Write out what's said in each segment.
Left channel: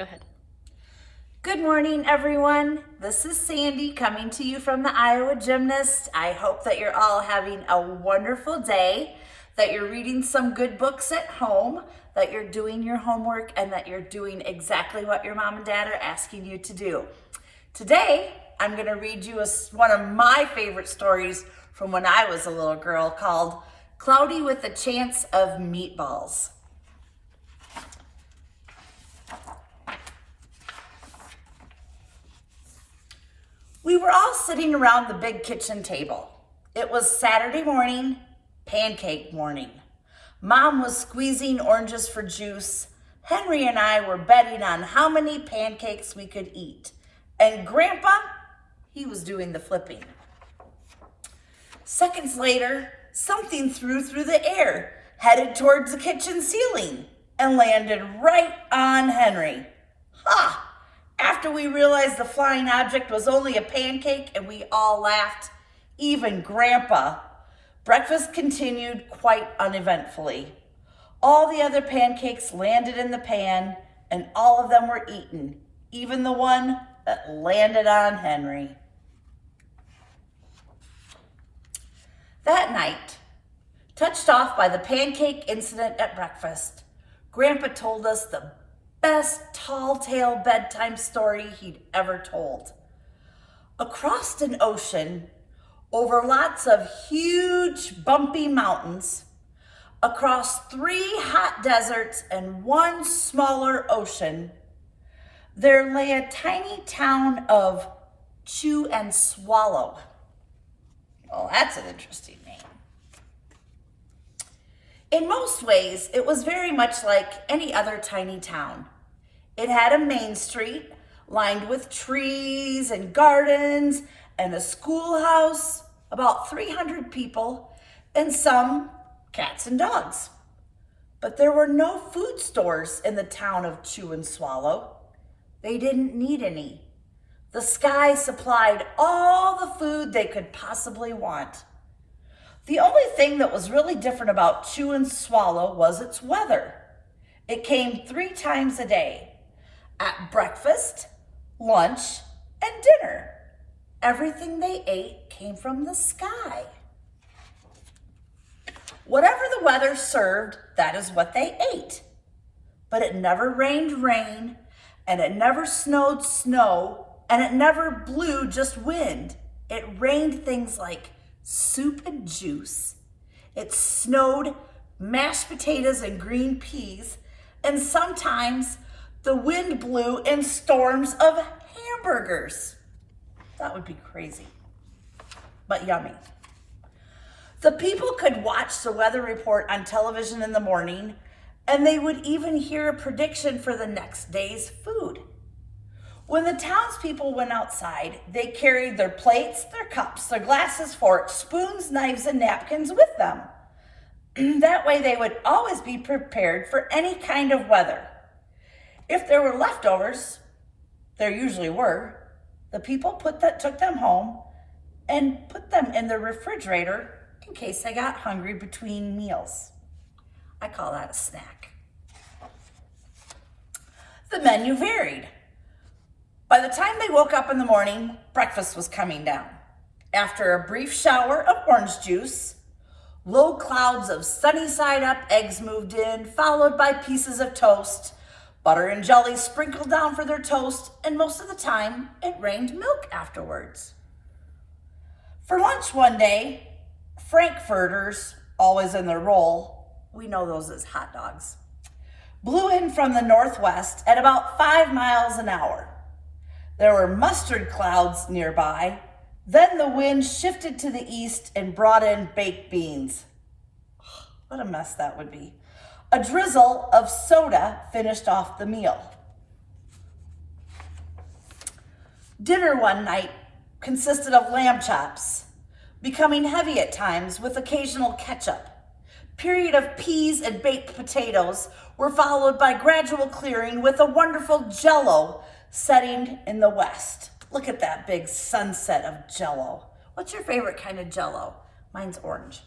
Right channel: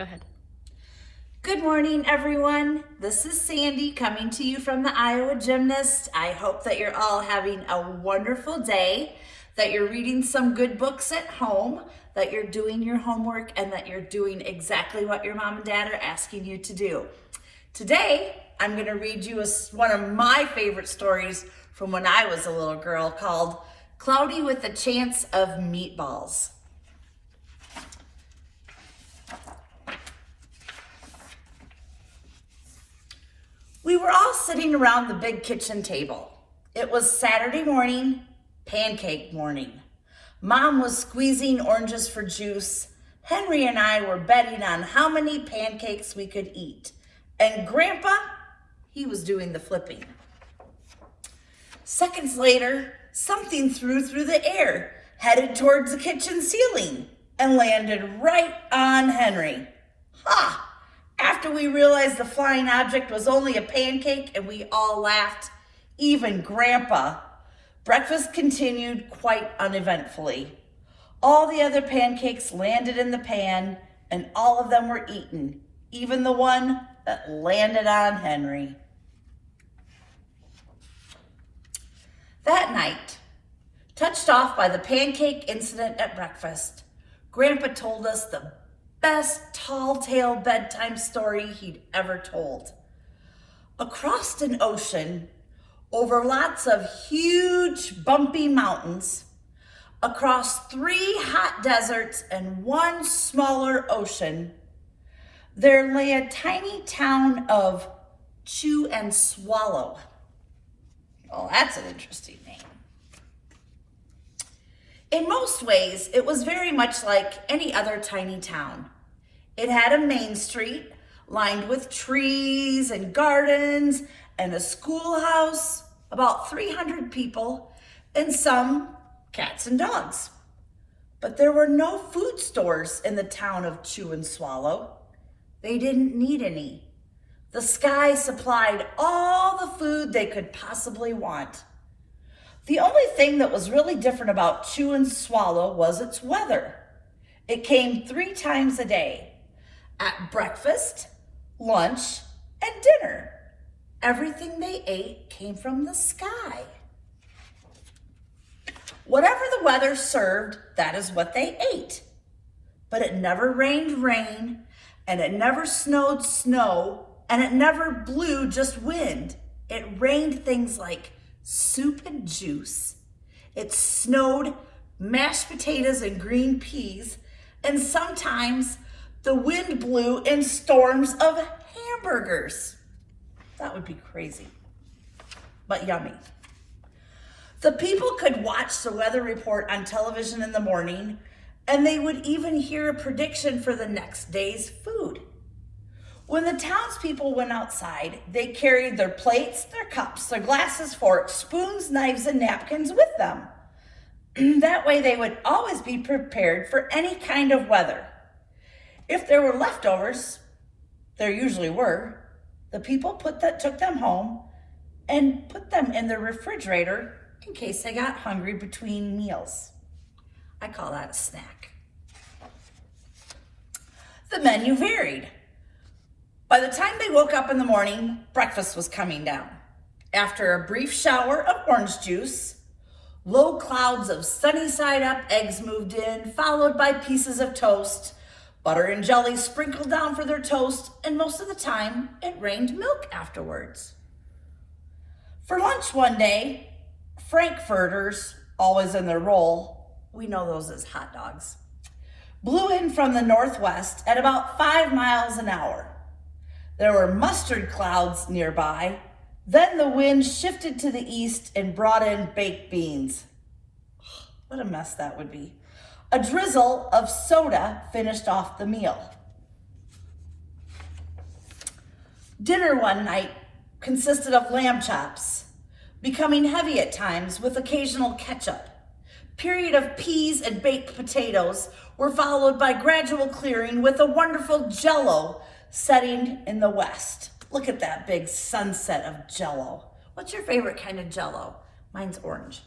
Go ahead. Good morning, everyone. This is Sandy coming to you from the Iowa Gymnast. I hope that you're all having a wonderful day, that you're reading some good books at home, that you're doing your homework, and that you're doing exactly what your mom and dad are asking you to do. Today, I'm going to read you one of my favorite stories from when I was a little girl called Cloudy with a Chance of Meatballs. We were all sitting around the big kitchen table. It was Saturday morning, pancake morning. Mom was squeezing oranges for juice. Henry and I were betting on how many pancakes we could eat. And Grandpa, he was doing the flipping. Seconds later, something threw through the air, headed towards the kitchen ceiling, and landed right on Henry. Ha! After we realized the flying object was only a pancake and we all laughed, even Grandpa, breakfast continued quite uneventfully. All the other pancakes landed in the pan and all of them were eaten, even the one that landed on Henry. That night, touched off by the pancake incident at breakfast, Grandpa told us the best tall tale bedtime story he'd ever told. Across an ocean, over lots of huge bumpy mountains, across 3 hot deserts and 1 smaller ocean, there lay a tiny town of Chew and Swallow. Oh, that's an interesting name. In most ways, it was very much like any other tiny town. It had a main street lined with trees and gardens and a schoolhouse, about 300 people, and some cats and dogs. But there were no food stores in the town of Chew and Swallow. They didn't need any. The sky supplied all the food they could possibly want. The only thing that was really different about Chew and Swallow was its weather. It came 3 times a day, at breakfast, lunch, and dinner. Everything they ate came from the sky. Whatever the weather served, that is what they ate. But it never rained rain, and it never snowed snow, and it never blew just wind. It rained things like soup and juice. It snowed mashed potatoes and green peas, and sometimes the wind blew in storms of hamburgers. That would be crazy, but yummy. The people could watch the weather report on television in the morning, and they would even hear a prediction for the next day's food. When the townspeople went outside, they carried their plates, their cups, their glasses, forks, spoons, knives, and napkins with them. That way they would always be prepared for any kind of weather. If there were leftovers, there usually were, the people took them home and put them in the refrigerator in case they got hungry between meals. I call that a snack. The menu varied. By the time they woke up in the morning, breakfast was coming down. After a brief shower of orange juice, low clouds of sunny side up eggs moved in, followed by pieces of toast, butter and jelly sprinkled down for their toast, and most of the time it rained milk afterwards. For lunch one day, frankfurters, always in their roll, we know those as hot dogs, blew in from the northwest at about 5 miles an hour. There were mustard clouds nearby. Then the wind shifted to the east and brought in baked beans. What a mess that would be. A drizzle of soda finished off the meal. Dinner one night consisted of lamb chops, becoming heavy at times with occasional ketchup. Period of peas and baked potatoes were followed by gradual clearing with a wonderful Jell-O setting in the west. Look at that big sunset of Jell-O. What's your favorite kind of Jell-O? Mine's orange.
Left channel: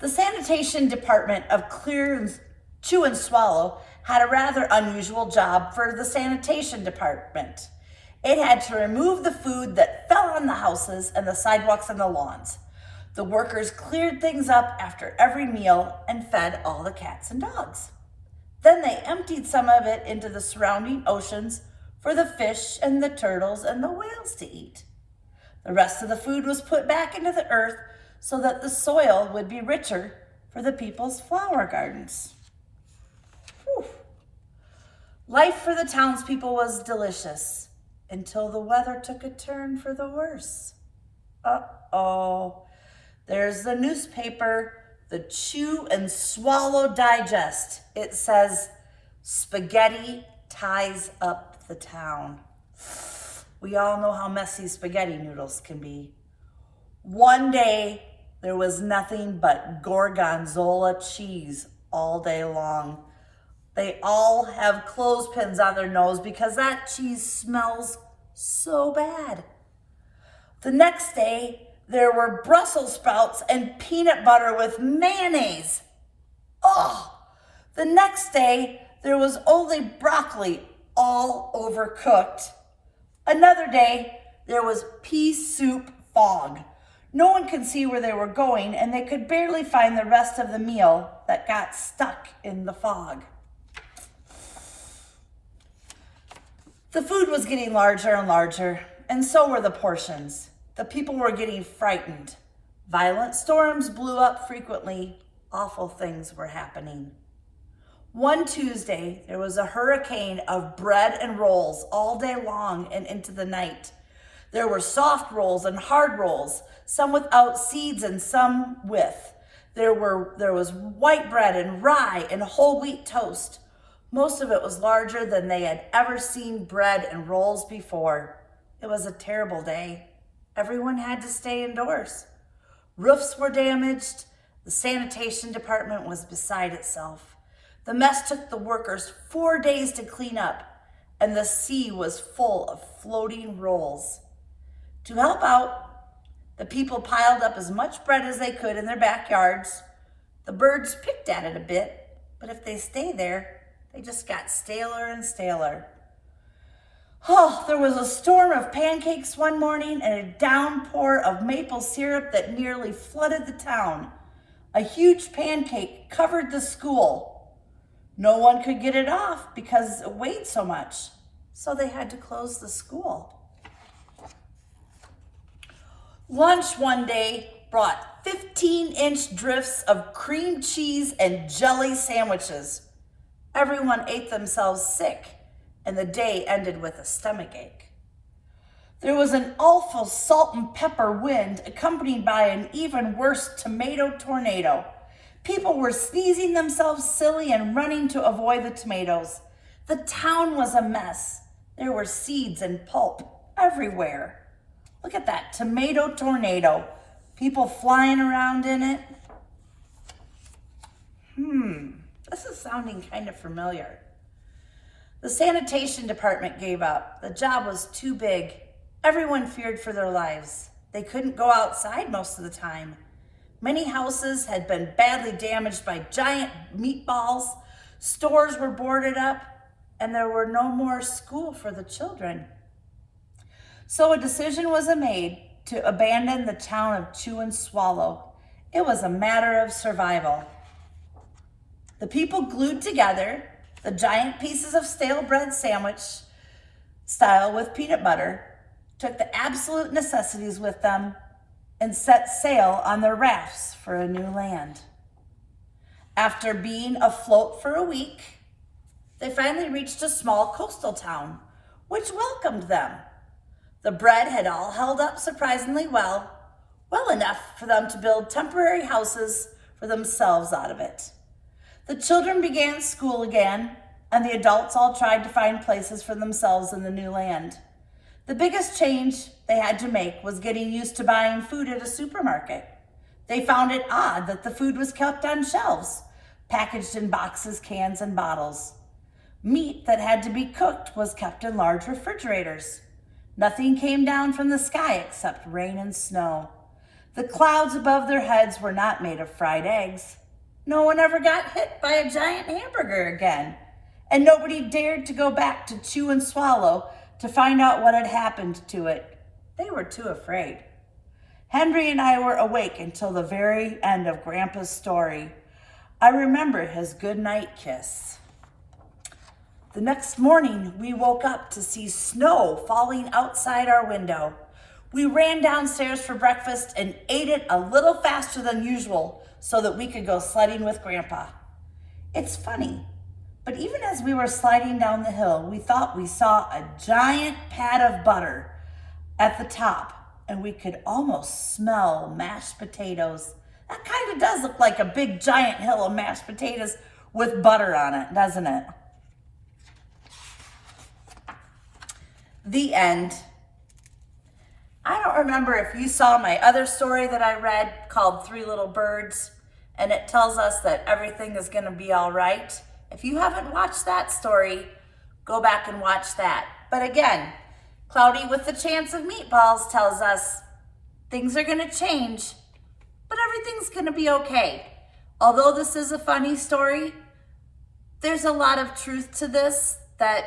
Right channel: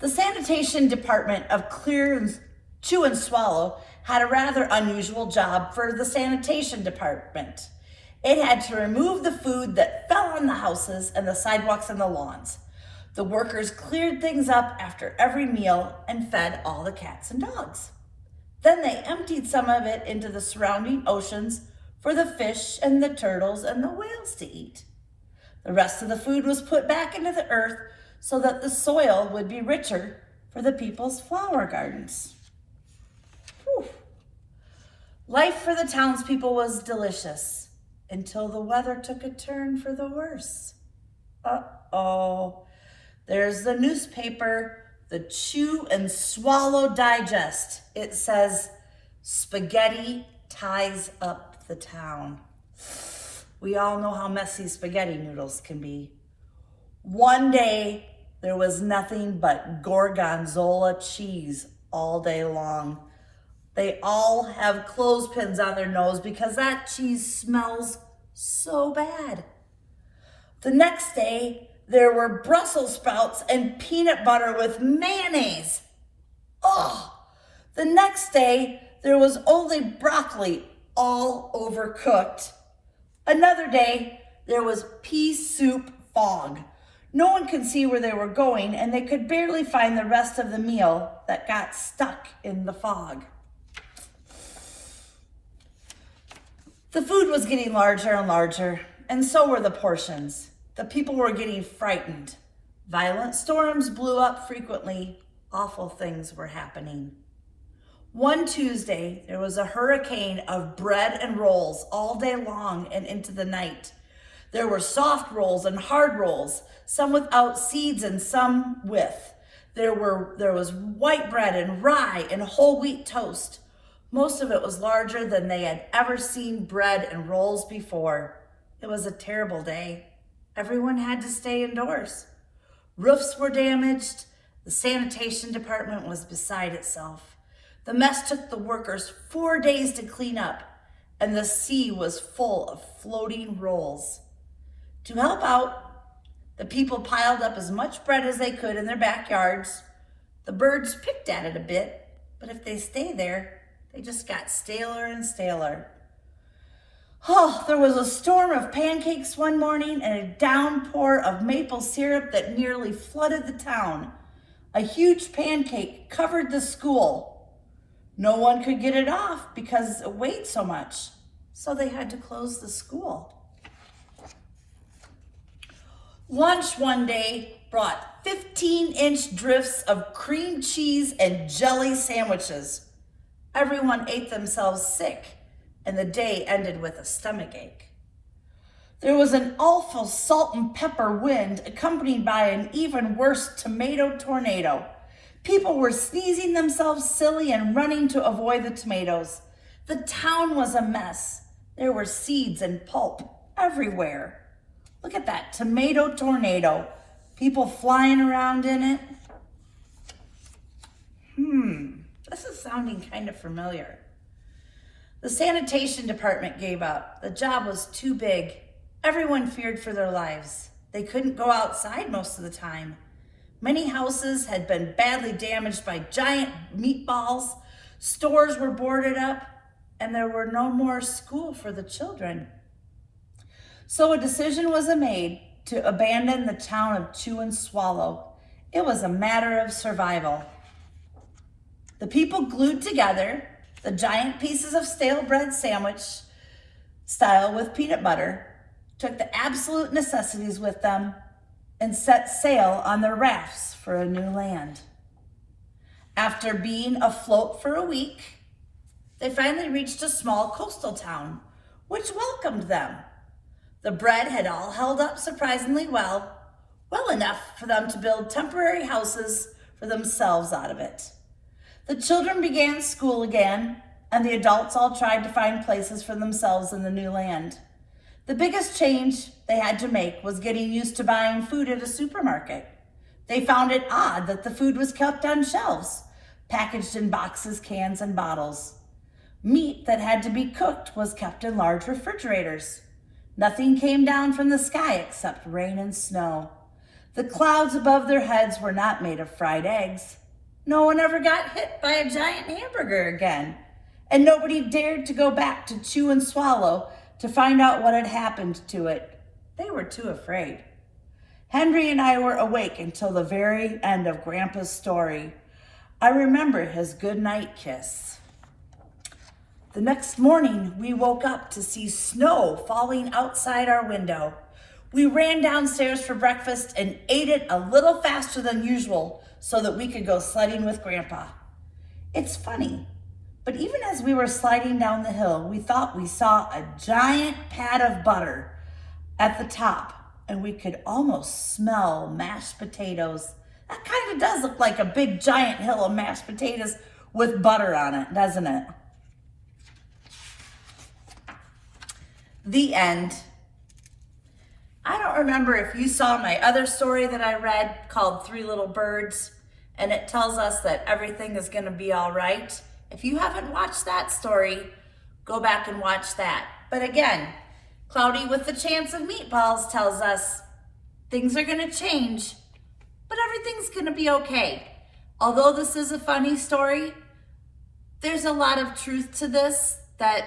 The sanitation department of Chew and Swallow had a rather unusual job for the sanitation department. It had to remove the food that fell on the houses and the sidewalks and the lawns. The workers cleared things up after every meal and fed all the cats and dogs. Then they emptied some of it into the surrounding oceans for the fish and the turtles and the whales to eat. The rest of the food was put back into the earth so that the soil would be richer for the people's flower gardens. Whew. Life for the townspeople was delicious until the weather took a turn for the worse. Uh-oh. There's the newspaper, the Chew and Swallow Digest. It says, spaghetti ties up the town. We all know how messy spaghetti noodles can be. One day, there was nothing but gorgonzola cheese all day long. They all have clothespins on their nose because that cheese smells so bad. The next day, there were Brussels sprouts and peanut butter with mayonnaise. Oh! The next day, there was only broccoli, all overcooked. Another day, there was pea soup fog. No one could see where they were going, and they could barely find the rest of the meal that got stuck in the fog. The food was getting larger and larger, and so were the portions. The people were getting frightened. Violent storms blew up frequently. Awful things were happening. One Tuesday, there was a hurricane of bread and rolls all day long and into the night. There were soft rolls and hard rolls, some without seeds and some with. There was white bread and rye and whole wheat toast. Most of it was larger than they had ever seen bread and rolls before. It was a terrible day. Everyone had to stay indoors. Roofs were damaged. The sanitation department was beside itself. The mess took the workers 4 days to clean up, and the sea was full of floating rolls. To help out, the people piled up as much bread as they could in their backyards. The birds picked at it a bit, but if they stayed there, they just got staler and staler. Oh, there was a storm of pancakes one morning and a downpour of maple syrup that nearly flooded the town. A huge pancake covered the school. No one could get it off because it weighed so much, so they had to close the school. Lunch one day brought 15-inch drifts of cream cheese and jelly sandwiches. Everyone ate themselves sick, and the day ended with a stomachache. There was an awful salt and pepper wind accompanied by an even worse tomato tornado. People were sneezing themselves silly and running to avoid the tomatoes. The town was a mess. There were seeds and pulp everywhere. Look at that tomato tornado. People flying around in it. This is sounding kind of familiar. The sanitation department gave up. The job was too big. Everyone feared for their lives. They couldn't go outside most of the time. Many houses had been badly damaged by giant meatballs. Stores were boarded up, and there were no more school for the children. So a decision was made to abandon the town of Chew and Swallow. It was a matter of survival. The people glued together the giant pieces of stale bread sandwich style with peanut butter, took the absolute necessities with them, and set sail on their rafts for a new land. After being afloat for a week, they finally reached a small coastal town, which welcomed them. The bread had all held up surprisingly well enough for them to build temporary houses for themselves out of it. The children began school again, and the adults all tried to find places for themselves in the new land. The biggest change they had to make was getting used to buying food at a supermarket. They found it odd that the food was kept on shelves, packaged in boxes, cans, and bottles. Meat that had to be cooked was kept in large refrigerators. Nothing came down from the sky except rain and snow. The clouds above their heads were not made of fried eggs. No one ever got hit by a giant hamburger again. and nobody dared to go back to chew and swallow to find out what had happened to it. They were too afraid. Henry and I were awake until the very end of Grandpa's story. I remember his goodnight kiss. The next morning, we woke up to see snow falling outside our window. We ran downstairs for breakfast and ate it a little faster than usual so that we could go sledding with Grandpa. It's funny, but even as we were sliding down the hill, we thought we saw a giant pat of butter at the top, and we could almost smell mashed potatoes. That kind of does look like a big giant hill of mashed potatoes with butter on it, doesn't it? The end. I don't remember if you saw my other story that I read called Three Little Birds, and it tells us that everything is going to be all right. If you haven't watched that story, go back and watch that. But again, Cloudy with the Chance of Meatballs tells us things are going to change, but everything's going to be okay. Although this is a funny story, there's a lot of truth to this, that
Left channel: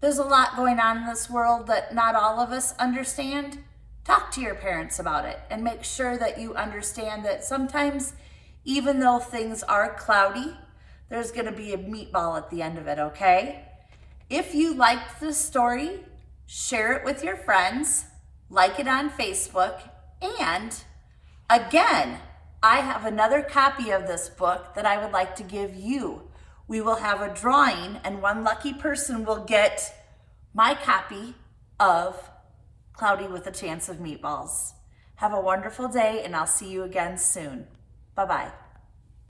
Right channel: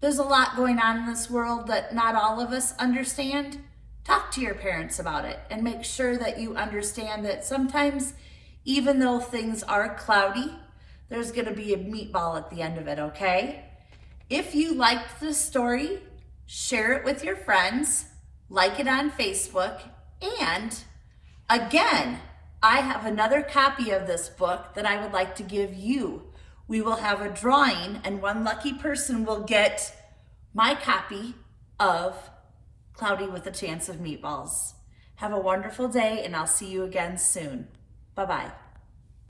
there's a lot going on in this world that not all of us understand. Talk to your parents about it and make sure that you understand that sometimes, even though things are cloudy, there's going to be a meatball at the end of it, okay? If you liked this story, share it with your friends, like it on Facebook, and again, I have another copy of this book that I would like to give you. We will have a drawing, and one lucky person will get my copy of Cloudy with a Chance of Meatballs. Have a wonderful day, and I'll see you again soon. Bye-bye.